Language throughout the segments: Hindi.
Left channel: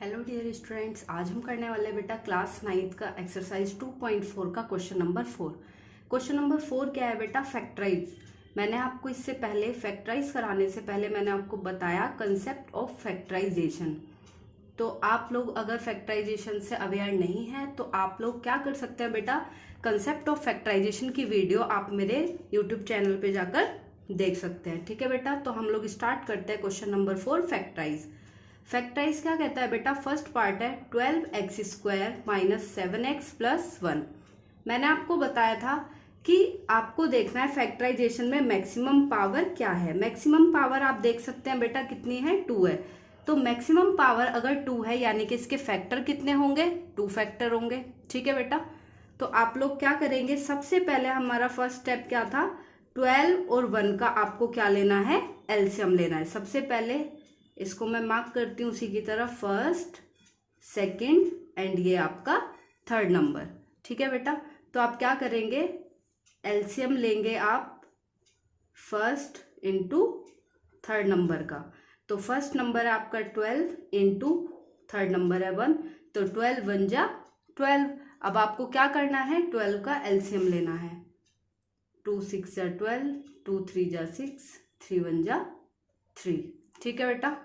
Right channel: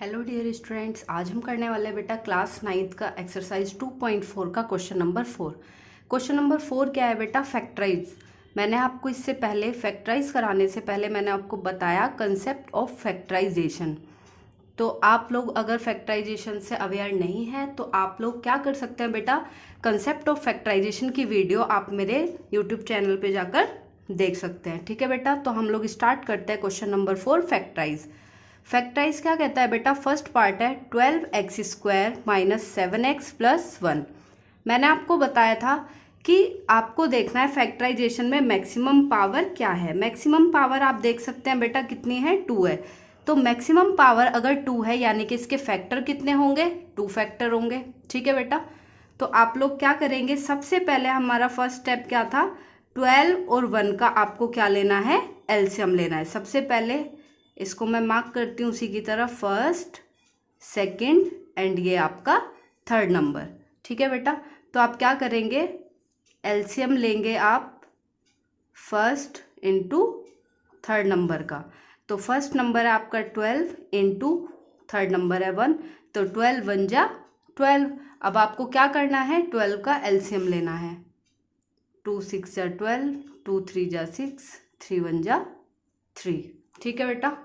हेलो डियर स्टूडेंट्स, आज हम करने वाले हैं बेटा क्लास 9th का एक्सरसाइज 2.4 का क्वेश्चन नंबर 4। क्वेश्चन नंबर 4 क्या है बेटा? फैक्टराइज। मैंने आपको इससे पहले फैक्टराइज कराने से पहले मैंने आपको बताया कंसेप्ट ऑफ फैक्टराइजेशन। तो आप लोग अगर फैक्टराइजेशन से अवेयर नहीं है तो आप लोग क्या कर सकते हैं बेटा, कंसेप्ट ऑफ फैक्टराइजेशन की वीडियो आप मेरे यूट्यूब चैनल पे जाकर देख सकते हैं। ठीक है बेटा, तो हम लोग स्टार्ट करते हैं क्वेश्चन नंबर 4 फैक्टराइज। फैक्टराइज क्या कहता है बेटा? फर्स्ट पार्ट है 12x² माइनस 7x प्लस 1। मैंने आपको बताया था कि आपको देखना है फैक्टराइजेशन में मैक्सिमम पावर क्या है। मैक्सिमम पावर आप देख सकते हैं बेटा कितनी है, 2 है। तो मैक्सिमम पावर अगर 2 है यानी कि इसके फैक्टर कितने होंगे? 2 फैक्टर होंगे। ठीक है बेटा, तो आप लोग क्या करेंगे, सबसे पहले हमारा फर्स्ट स्टेप क्या था, 12 और 1 का आपको क्या लेना है, एलसीएम लेना है। सबसे पहले इसको मैं मार्क करती हूँ उसी की तरह, फर्स्ट, सेकंड एंड ये आपका थर्ड नंबर। ठीक है बेटा, तो आप क्या करेंगे, एलसीएम लेंगे आप फर्स्ट इंटू थर्ड नंबर का। तो फर्स्ट नंबर है आपका 12 इंटू थर्ड नंबर है 1, तो 12 1 जा 12। अब आपको क्या करना है, 12 का एलसीएम लेना है। 2 6 जा 12, 2 3 जा 6, 3 1 जा 3। ठीक है बेटा,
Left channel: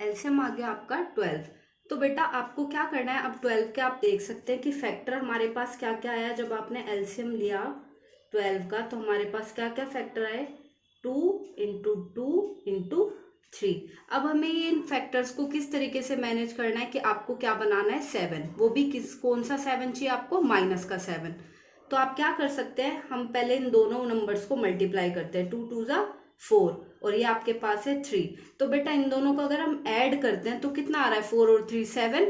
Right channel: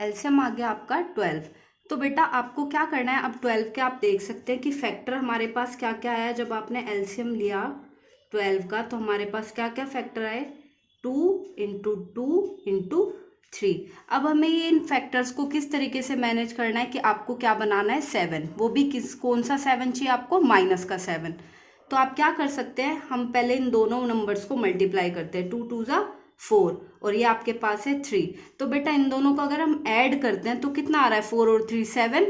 एलसीएम आ गया आपका 12। तो बेटा आपको क्या करना है, अब 12 के आप देख सकते हैं कि फैक्टर हमारे पास क्या क्या आया। जब आपने एलसीएम लिया 12 का तो हमारे पास क्या क्या फैक्टर आए, 2 इंटू 2 इंटू 3। अब हमें ये इन फैक्टर्स को किस तरीके से मैनेज करना है कि आपको क्या बनाना है, 7। वो भी कौन सा 7 चाहिए आपको, माइनस का 7। तो आप क्या कर सकते हैं, हम पहले इन दोनों नंबर्स को मल्टीप्लाई करते हैं। 2 2 जा 4 और ये आपके पास है 3। तो बेटा इन दोनों को अगर हम ऐड करते हैं तो कितना आ रहा है, 4 और 3 7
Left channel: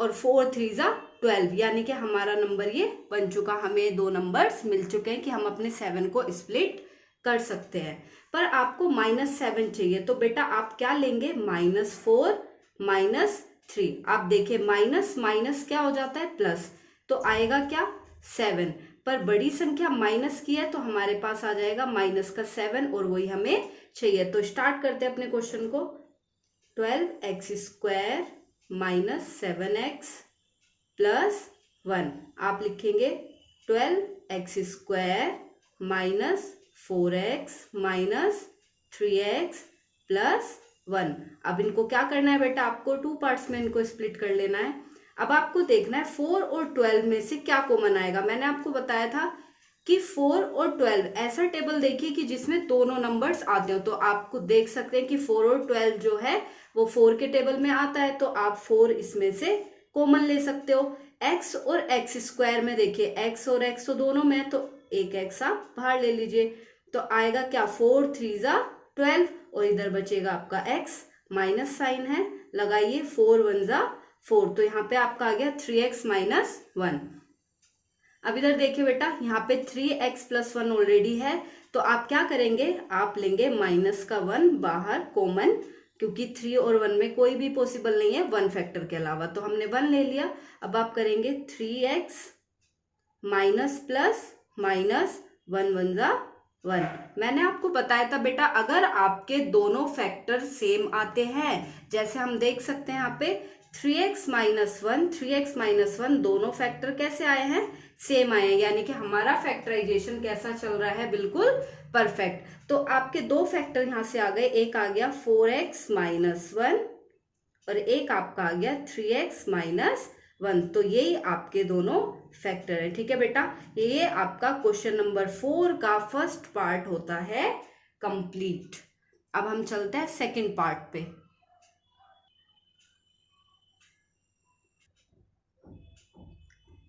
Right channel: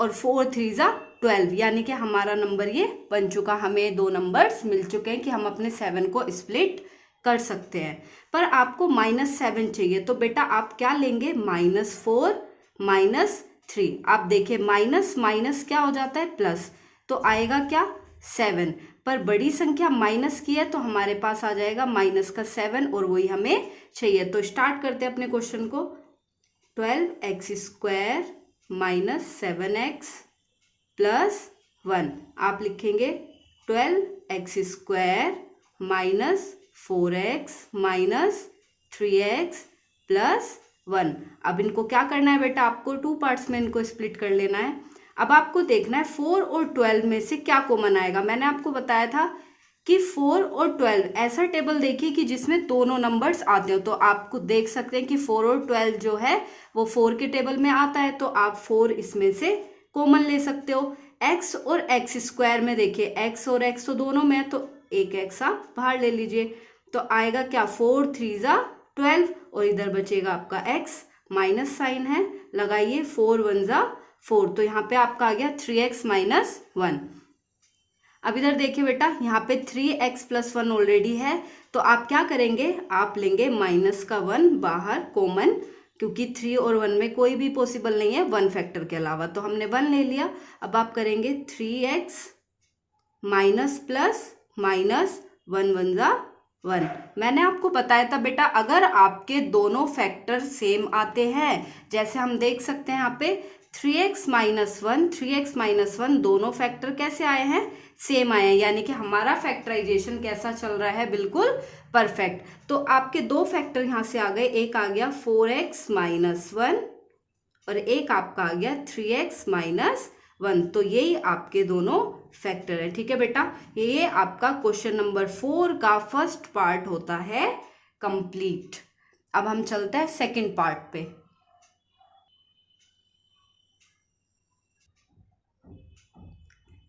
और 4 3 जा 12, यानी कि हमारा नंबर ये बन चुका। हमें दो नंबर्स मिल चुके हैं कि हम अपने 7 को स्प्लिट कर सकते हैं। पर आपको -7 चाहिए, तो बेटा आप क्या लेंगे, -4 -3। आप देखिए माइनस माइनस क्या हो जाता है, प्लस, तो आएगा क्या, 7। पर बड़ी संख्या माइनस की है तो हमारे पास आ जाएगा माइनस का 7 और वही हमें चाहिए। तो स्टार्ट करते हैं अपने क्वेश्चन को। 12x² minus 7x plus 1। आप लिखेंगे 12x² minus 4x minus 3x plus 1। अब इनको क्या करना है बेटा, आपको 2 पार्ट्स में इनको स्प्लिट कर लेना है। अब आपको देखना है 4 और 12 में से क्या कॉमन आएगा। मैंने आपको बताया था कि 4 और 12 ऐसा टेबल देखिए कि जिसमें दोनों नंबर्स आते हो। तो आपको देख सकते हैं कि 4 और 12 जो है वो 4 के टेबल में आता है, तो आप 4 इसमें से कॉमन ले सकते हो। x और x² में देखिए, x और x तो दोनों में है, तो एक x आप बाहर ले लीजिए। तो आएगा क्या, 4 3 जा 12 और इधर बचेगा आपका x, माइनस साइन है, लगाइए 4 1 जा 4, तो यहाँ पे आपका आ गया 3x माइनस 1। अब इधर देखिए बेटा, यहाँ पे 3x प्लस 1 ऑलरेडी है, तो आप क्या करेंगे, आप लेंगे माइनस का 1 बाहर कॉमन, क्योंकि 3 और 1 में कोई भी पॉसिबल नहीं है 1 फैक्टर के अलावा, तो हमने 1 ले लिया। अब आप करेंगे 3x माइनस प्लस माइनस 1 1 जा 1। मैंने आपको बताया था बेटा, अगर आपके दोनों फैक्टर सेम आते हैं, जैसे हम देख सकते हैं यहाँ पे 3x माइनस 1 3x माइनस 1 दोनों फैक्टर कैसे आए हैं, सेम आए हैं, यानी कि हमारा फैक्टराइजेशन कैसा चल रहा है, बिल्कुल परफेक्ट। तो आपके दो फैक्टर यहाँ से आ गए, एक आ गया 4x माइनस 1 और एक आपका आ गया 3x माइनस 1। तो यही आपके दोनों फैक्टर है। ठीक है बेटा, ये आपका क्वेश्चन नंबर 4 का फर्स्ट पार्ट होता है कंप्लीट। अब हम चलते हैं सेकंड पार्ट पे।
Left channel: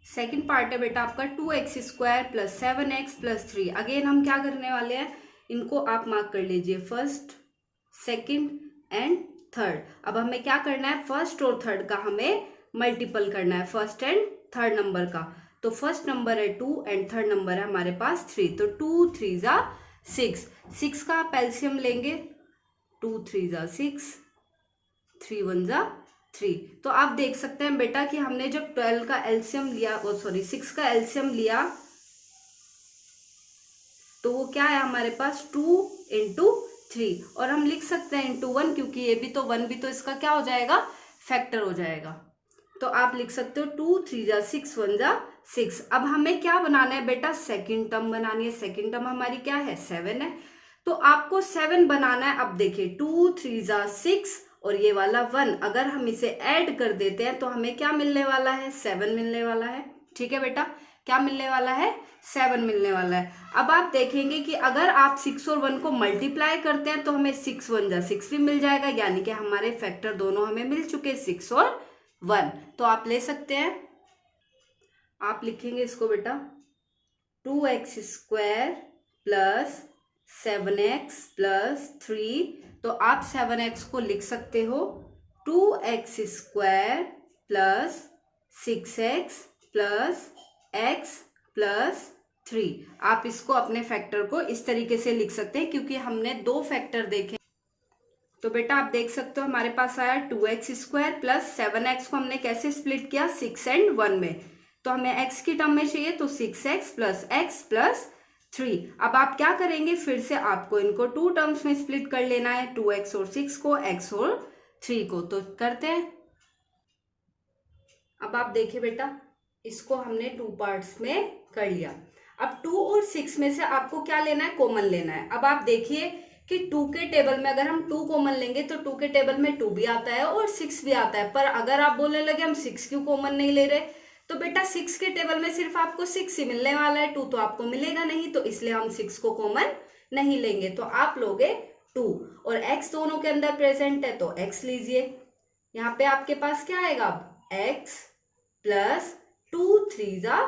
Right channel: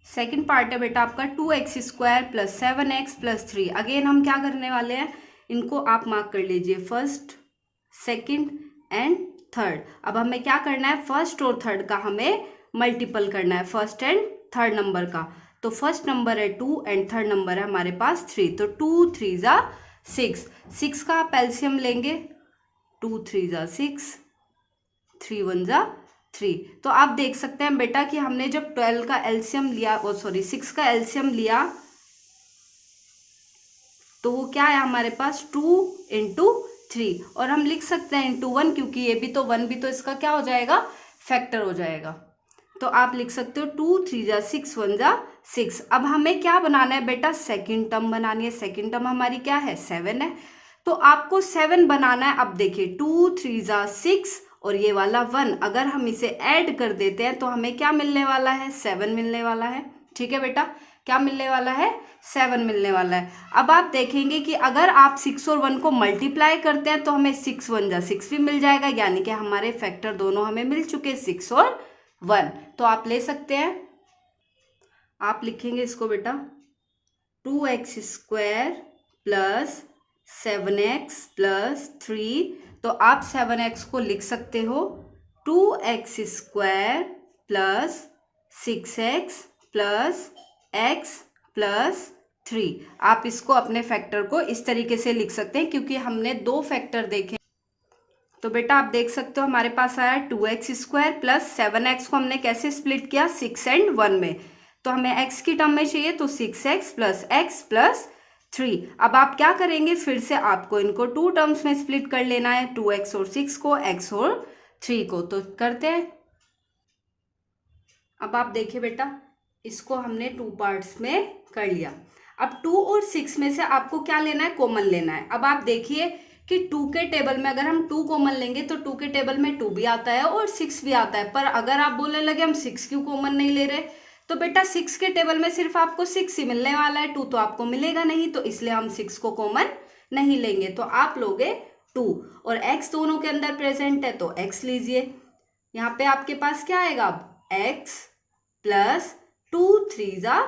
सेकंड पार्ट है बेटा आपका 2x² plus 7x plus 3। Again हम क्या करने वाले हैं, इनको आप मार्क कर लीजिए, फर्स्ट सेकंड एंड थर्ड। अब हमें क्या करना है, फर्स्ट और थर्ड का हमें मल्टीपल करना है, फर्स्ट एंड थर्ड नंबर का। तो फर्स्ट नंबर है 2 एंड थर्ड नंबर है हमारे पास 3, तो 2 3 जा 6। 6 का आप एलसीएम लेंगे, 2 3 जा 6, 3 1 जा 3। तो आप देख सकते हैं बेटा कि हमने जब 12 का एलसीएम लिया, ओ सॉरी 6 का एलसीएम लिया, तो वो क्या है हमारे पास 2 इंटू 3, और हम लिख सकते हैं इंटू 1 क्योंकि ये भी तो 1 भी तो इसका क्या हो जाएगा, फैक्टर हो जाएगा। तो आप लिख सकते हो 2 3 जा 6 1 जा 6। अब हमें क्या बनाना है बेटा, सेकंड टर्म बनानी है। सेकंड टर्म हमारी क्या है, 7 है, तो आपको 7 बनाना है। अब देखिए 2 3 जा 6 और ये वाला 1, अगर हम इसे ऐड कर देते हैं तो हमें क्या मिलने वाला है, 7 मिलने वाला है। ठीक है बेटा, क्या मिलने वाला है, 7 मिलने वाला है। अब आप देखेंगे कि अगर आप 6 और 1 को मल्टीप्लाई करते हैं तो हमें 6 1 जा 6 भी मिल जाएगा, यानी कि हमारे फैक्टर दोनों हमें मिल चुके, 6 और 1। तो आप ले सकते हैं, आप लिखेंगे इसको बेटा 2x square plus 7x plus 3। तो आप 7x को लिख सकते हो 2x square plus 6x plus x plus 3। आप इसको अपने फैक्टर को इस तरीके से लिख सकते हैं क्योंकि हमने दो फैक्टर देखे। तो बेटा आप देख सकते हो हमारे पास आया 2x स्क्वायर प्लस 7x को हमने कैसे स्प्लिट किया, 6 और 1 में। तो हमें x की टर्म में चाहिए तो 6x प्लस x प्लस 3। अब आप क्या करेंगे, फिर से आपको इनको 2 टर्म्स में स्प्लिट कर लेना है, 2x और 6 को, x और 3 को। तो करते हैं। अब आप देखिए बेटा, इसको हमने 2 पार्ट्स में कर लिया। अब 2 और 6 में से आपको क्या लेना है, कॉमन लेना है। अब आप देखिए कि 2 के टेबल में अगर हम 2 कॉमन लेंगे तो 2 के टेबल में 2 भी आता है और 6 भी आता है, पर अगर आप बोलने लगे हम 6 क्यों कॉमन नहीं ले रहे, तो बेटा 6 के टेबल में सिर्फ आपको 6 ही मिलने वाला है, 2 तो आपको मिलेगा नहीं, तो इसलिए हम 6 को कॉमन नहीं लेंगे। तो आप लोगे 2 और x दोनों के अंदर प्रेजेंट है तो x लीजिए। यहाँ पे आपके पास क्या आएगा, अब x प्लस 2 3 जा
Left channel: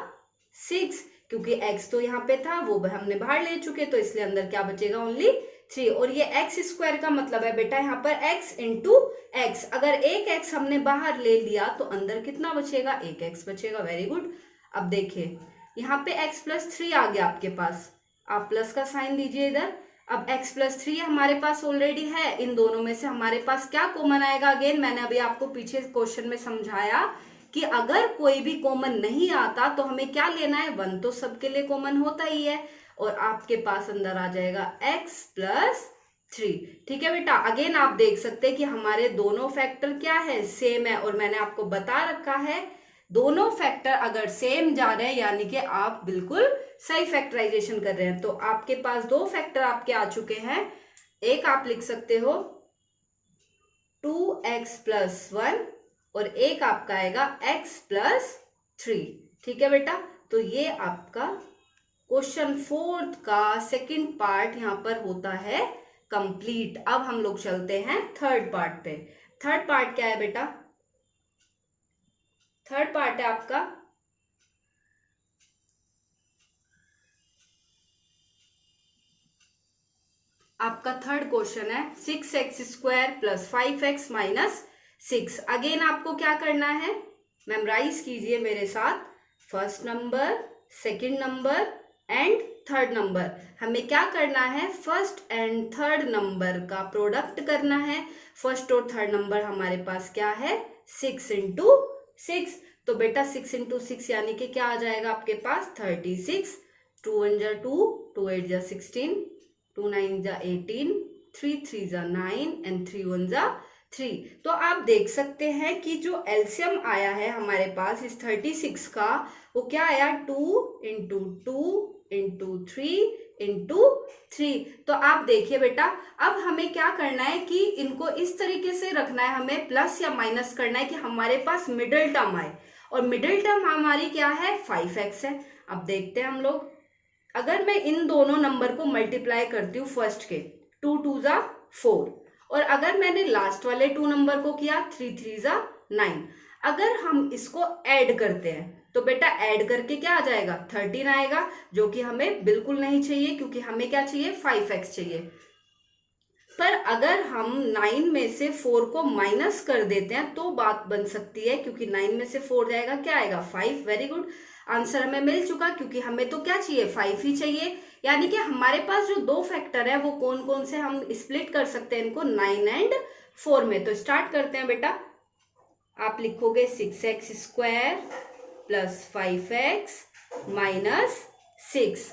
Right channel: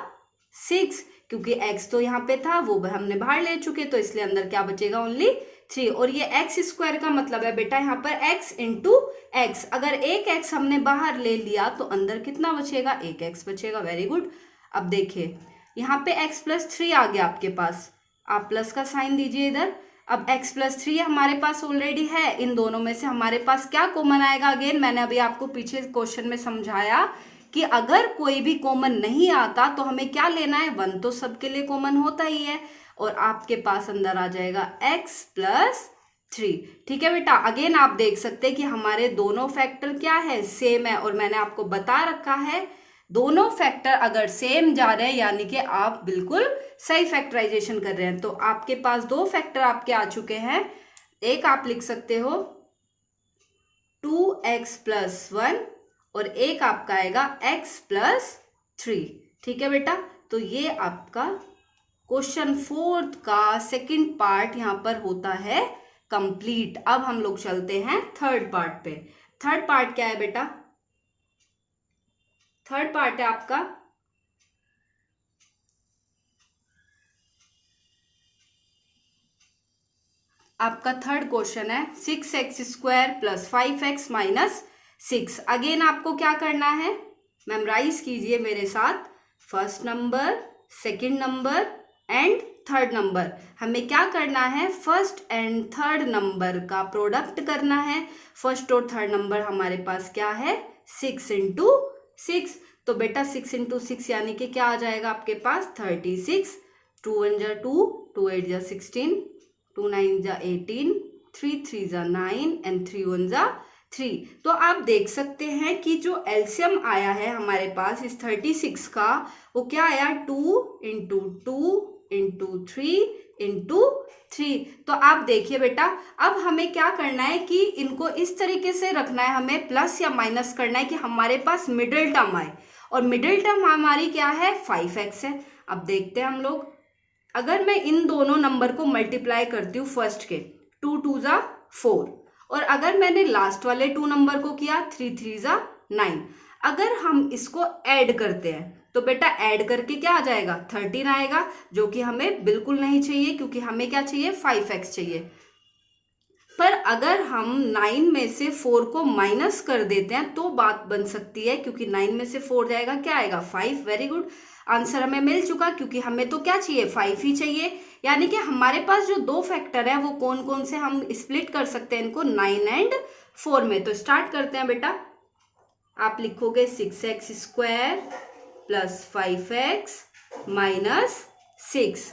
6, क्योंकि x तो यहाँ पे था वो हमने बाहर ले चुके, तो इसलिए अंदर क्या बचेगा, ओनली 3। और ये x स्क्वायर का मतलब है बेटा यहाँ पर x इंटू एक्स। अगर एक x हमने बाहर ले लिया तो अंदर कितना बचेगा, एक x बचेगा। Very good. अब देखिए यहाँ पे x प्लस 3 आ गया आपके पास, आप प्लस का साइन दीजिए इधर। अब x प्लस 3 हमारे पास ऑलरेडी है, इन दोनों में से हमारे पास क्या कॉमन आएगा। अगेन मैंने अभी आपको पीछे क्वेश्चन में समझाया कि अगर कोई भी कॉमन नहीं आता तो हमें क्या लेना है, 1 तो सबके लिए कॉमन होता ही है, और आपके पास अंदर आ जाएगा x प्लस 3। ठीक है बेटा, अगेन आप देख सकते हैं कि हमारे दोनों फैक्टर क्या है, सेम है, और मैंने आपको बता रखा है दोनों फैक्टर अगर सेम जा रहे हैं यानी कि आप बिल्कुल सही फैक्टराइजेशन कर रहे हैं। तो आपके पास दो फैक्टर आपके आ चुके हैं। एक आप लिख सकते हो 2x प्लस 1 और एक आपका आएगा x प्लस 3। ठीक है बेटा, तो ये आपका क्वेश्चन 4 का सेकंड पार्ट यहाँ पर होता है कंप्लीट। अब हम लोग चलते हैं थर्ड पार्ट पे। थर्ड पार्ट क्या है बेटा, थर्ड पार्ट है आपका थर्ड क्वेश्चन है 6x square plus 5x minus 6। Again आपको क्या करना है, मेमोराइज कीजिए मेरे साथ, first number, second number and third number. हमें क्या करना है, फर्स्ट एंड थर्ड नंबर का प्रोडक्ट करना है। फर्स्ट और थर्ड नंबर हमारे पास क्या है, 6 इंटू 6। तो बेटा 6 इंटू 6 यानी कि क्या आ जाएगा आपके पास, 36। 2 1 जा 2, 2 8 जा 16, 2 9 जा 18, 3 3 जा 9 एंड 3 1 जा 3। तो आप देख सकते हैं कि जो एलसीएम आया है हमारे पास इस 36 का, वो क्या आया, 2 इंटू 2 इंटू 3 इंटू 3। तो आप देखिए बेटा, अब हमें क्या करना है कि इनको इस तरीके से रखना है, हमें प्लस या माइनस करना है कि हमारे पास मिडिल टर्म आए, और मिडिल टर्म हमारी क्या है, 5x है। अब देखते हैं हम लोग, अगर मैं इन दोनों नंबर को मल्टीप्लाई करती हूँ फर्स्ट के, 2 2 जा 4, और अगर मैंने लास्ट वाले 2 नंबर को किया 3 3 जा 9, अगर हम इसको ऐड करते हैं तो बेटा ऐड करके क्या आ जाएगा, 13 आएगा, जो कि हमें बिल्कुल नहीं चाहिए क्योंकि हमें क्या चाहिए, 5x चाहिए। पर अगर हम 9 में से 4 को माइनस कर देते हैं तो बात बन सकती है, क्योंकि 9 में से 4 जाएगा, क्या आएगा, 5। वेरी गुड, आंसर हमें मिल चुका, क्योंकि हमें तो क्या चाहिए, 5 ही चाहिए। यानी कि हमारे पास जो दो फैक्टर है वो कौन कौन से हम स्प्लिट कर सकते हैं इनको, 9 एंड 4 में। तो स्टार्ट करते हैं बेटा, आप लिखोगे 6x square plus 5x minus 6।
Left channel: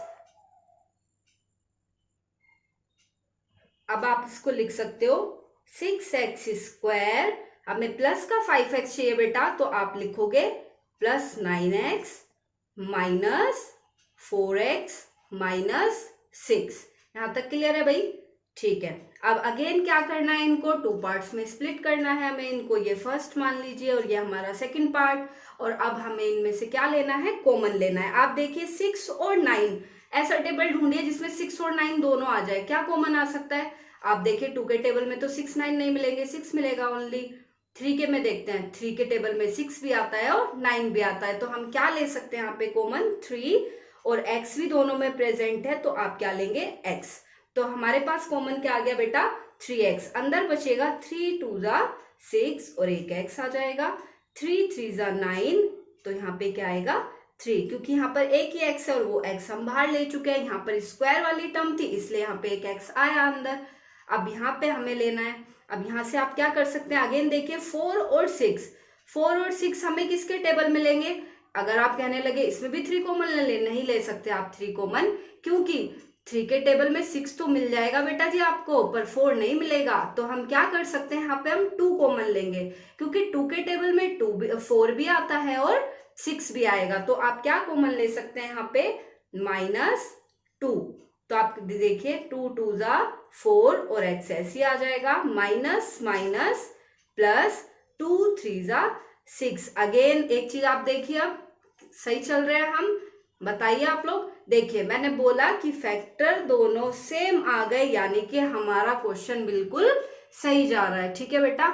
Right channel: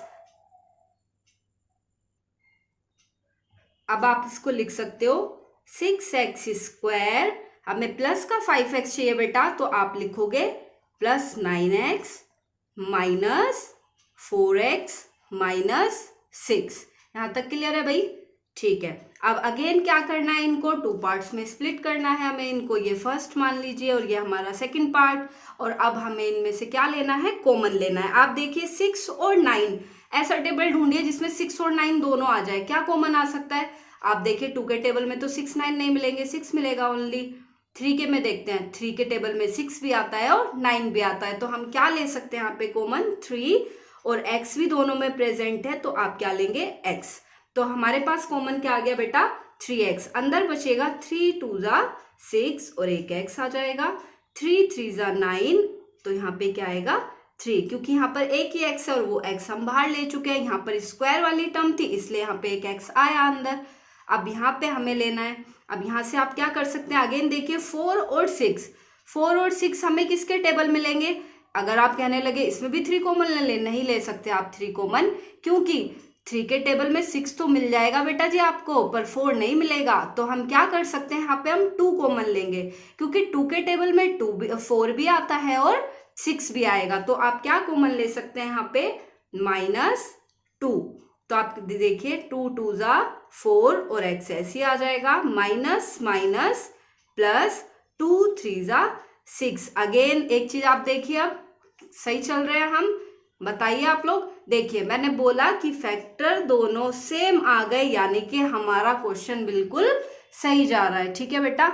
अब आप इसको लिख सकते हो 6x², हमें प्लस का 5x चाहिए बेटा, तो आप लिखोगे plus 9x minus 4x minus 6। यहां तक क्लियर है भाई? ठीक है। अब अगेन क्या करना है, इनको टू पार्ट्स में स्प्लिट करना है हमें इनको। ये फर्स्ट मान लीजिए और ये हमारा सेकंड पार्ट। और अब हमें इनमें से क्या लेना है, कॉमन लेना है। आप देखिए 6 और 9, ऐसा टेबल ढूंढिए जिसमें 6 और 9 दोनों आ जाए। क्या कॉमन आ सकता है? आप देखिए 2 के टेबल में तो 6 9 नहीं मिलेंगे, 6 मिलेगा ओनली। 3 के में देखते हैं, 3 के टेबल में 6 भी आता है और 9 भी आता है। तो हम क्या ले सकते हैं यहाँ पे कॉमन, 3, और x भी दोनों में प्रेजेंट है, तो आप क्या लेंगे, x। तो हमारे पास कॉमन क्या आ गया बेटा, 3x। अंदर बचेगा 3 2 6 और एक x आ जाएगा। 3 3 9, तो यहाँ पे क्या आएगा, 3, क्योंकि यहाँ पर एक ही x है और वो x हम बाहर ले चुके हैं। यहाँ पर स्क्वायर वाली टर्म थी, इसलिए यहाँ पे एक x आया अंदर। अब यहाँ पे हमें लेना है। अब यहाँ से आप क्या कर सकते हैं, अगेन देखिए 4 और 6, 4 और 6 हमें किसके टेबल में लेंगे? अगर आप कहने लगे इसमें भी 3 कॉमन नहीं ले सकते आप 3 कॉमन, क्योंकि 3 के टेबल में 6 तो मिल जाएगा बेटा जी आपको, पर 4 नहीं मिलेगा। तो हम क्या कर सकते हैं, यहाँ पे हम 2 कॉमन लेंगे, क्योंकि 2 के टेबल में 4 भी आता है और 6 भी आएगा। तो आप क्या कॉमन ले सकते हैं यहाँ पे, -2। तो आप देखिए 2 2 4 और x ऐसे आ जाएगा, माइनस माइनस प्लस 2 3 6। अगेन एक चीज आप देखिए, अब सही चल रहे हैं हम, बताइए आप लोग। देखिए मैंने बोला कि फैक्टर दोनों सेम आ गए, यानी कि हमारा क्वेश्चन बिल्कुल सही जा रहा है। ठीक है बेटा,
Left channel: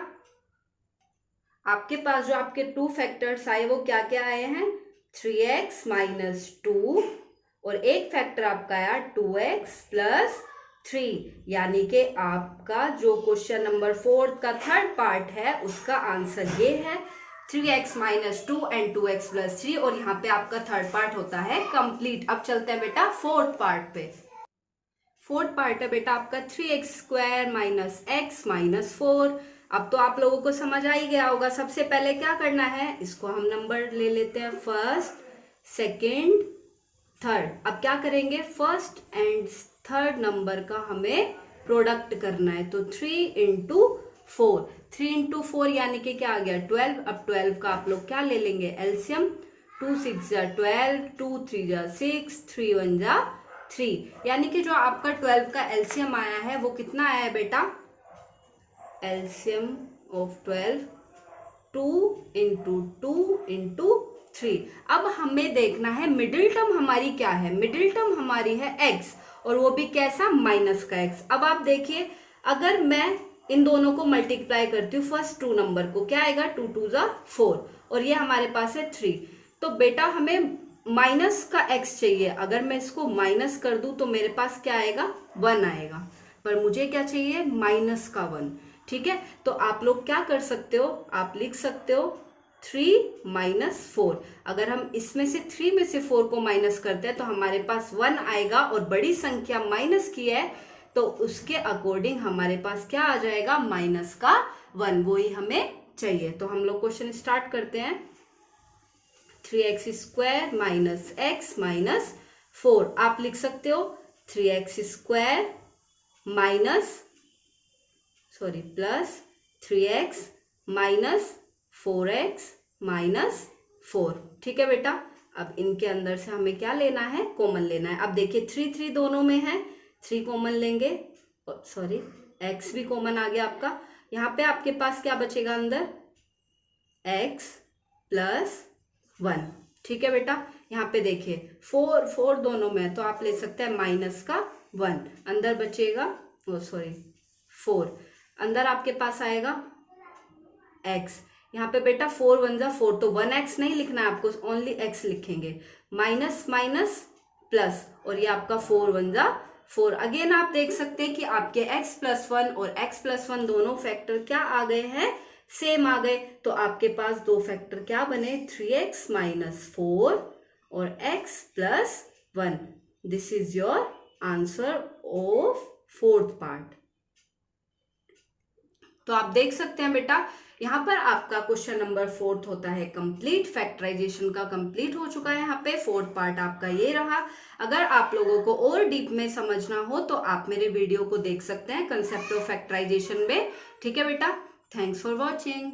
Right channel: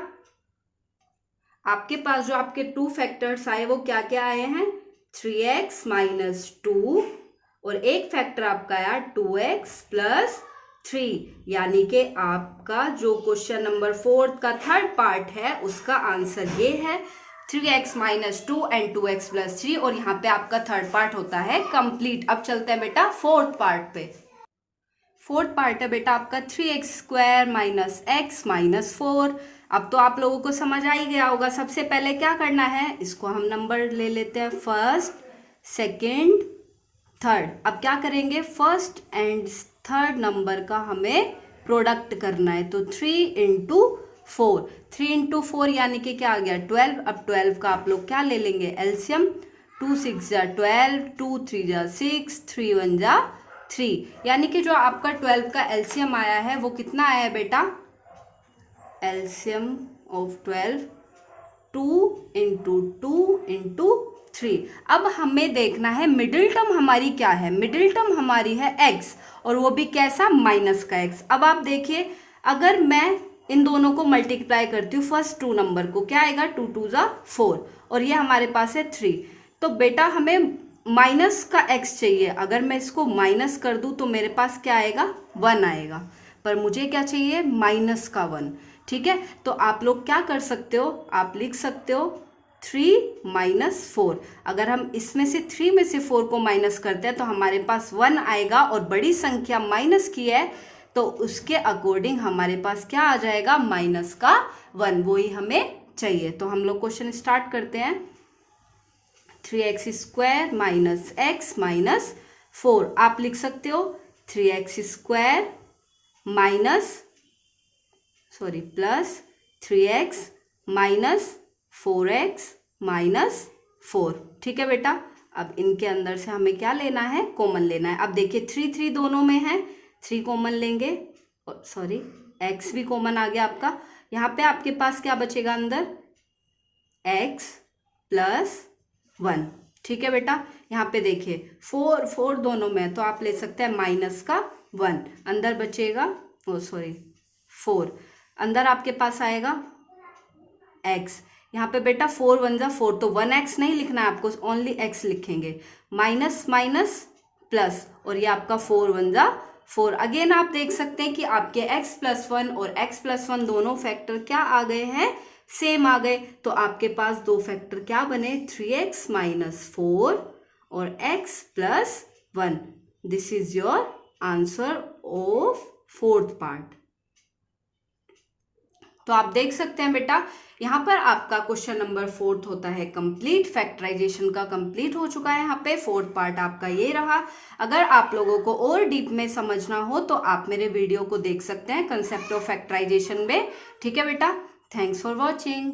आपके पास जो आपके 2 फैक्टर्स आए वो क्या क्या आए हैं, 3x माइनस 2, और एक फैक्टर आपका आया 2x प्लस 3, यानी कि आपका जो क्वेश्चन नंबर 4 का थर्ड पार्ट है उसका आंसर ये है, 3x minus 2 and 2x plus 3। और यहाँ पे आपका थर्ड पार्ट होता है कंप्लीट। अब चलते हैं बेटा फोर्थ पार्ट पे। फोर्थ पार्ट है बेटा आपका 3x² माइनस x माइनस 4। अब तो आप लोगों को समझ आ ही गया होगा। सबसे पहले क्या करना है, इसको हम नंबर ले लेते हैं, फर्स्ट सेकेंड थर्ड। अब क्या करेंगे, फर्स्ट एंड थर्ड नंबर का हमें प्रोडक्ट करना है। तो 3 इंटू 4, 3 इंटू 4 यानी कि क्या आ गया, 12। अब 12 का आप लोग क्या ले लेंगे, एलसीएम। 2 6 12, 2 3 6, 3 1 3, यानी कि जो आपका 12 का एलसीएम आया है वो कितना आया है बेटा, एलसीएम ऑफ 12 2 इंटू 2 इंटू 3। अब हमें देखना है मिडिल टर्म हमारी क्या है, मिडिल टर्म हमारी है x, और वो भी कैसा, माइनस का x। अब आप देखिए अगर मैं इन दोनों को मल्टीप्लाई करती हूँ, फर्स्ट 2 नंबर को, क्या आएगा, 2 2 4, और ये हमारे पास है 3। तो बेटा हमें माइनस का x चाहिए। अगर मैं इसको माइनस कर दूं तो मेरे पास क्या आएगा, 1 आएगा, पर मुझे क्या चाहिए, माइनस का 1। ठीक है, तो आप लोग क्या कर सकते हो, आप लिख सकते हो 3 माइनस 4। अगर हम इसमें से 3 में से 4 को माइनस करते हैं तो हमारे पास 1 आएगा, और बड़ी संख्या माइनस की है तो उसके अकॉर्डिंग हमारे पास क्या आ जाएगा, माइनस का 1, वो ही हमें चाहिए। तो हम लोग क्वेश्चन स्टार्ट करते हैं। 3x² माइनस x माइनस 4, आप लिख सकते हो 3x² minus plus 3x minus 4x minus 4। ठीक है बेटा, अब इनके अंदर से हमें क्या लेना है, कॉमन लेना है। अब देखिए 3 3 दोनों में है, 3 कॉमन लेंगे, सॉरी x भी कॉमन आ गया आपका। यहाँ पे आपके पास क्या बचेगा अंदर, x प्लस 1। ठीक है बेटा, यहाँ पे देखिए 4 4 दोनों में, तो आप ले सकते हैं माइनस का 1, अंदर बचेगा, ओ सॉरी 4, अंदर आपके पास आएगा x। यहाँ पे बेटा 4 1 4, तो 1x नहीं लिखना है आपको, ओनली x लिखेंगे, माइनस माइनस प्लस, और ये आपका 4 1 4। अगेन आप देख सकते हैं कि आपके x प्लस 1 और x प्लस 1 दोनों फैक्टर क्या आ गए हैं, सेम आ गए। तो आपके पास दो फैक्टर क्या बने, 3x माइनस 4 और x plus 1। This is your answer of fourth part. तो आप देख सकते हैं बेटा, यहाँ पर आपका क्वेश्चन नंबर 4 होता है कंप्लीट। फैक्टराइजेशन का कंप्लीट हो चुका है। यहाँ पे 4th पार्ट आपका ये रहा। अगर आप लोगों को और डीप में समझना हो तो आप मेरे वीडियो को देख सकते हैं कंसेप्ट ऑफ फैक्टराइजेशन में। ठीक है बेटा, थैंक्स फॉर वॉचिंग।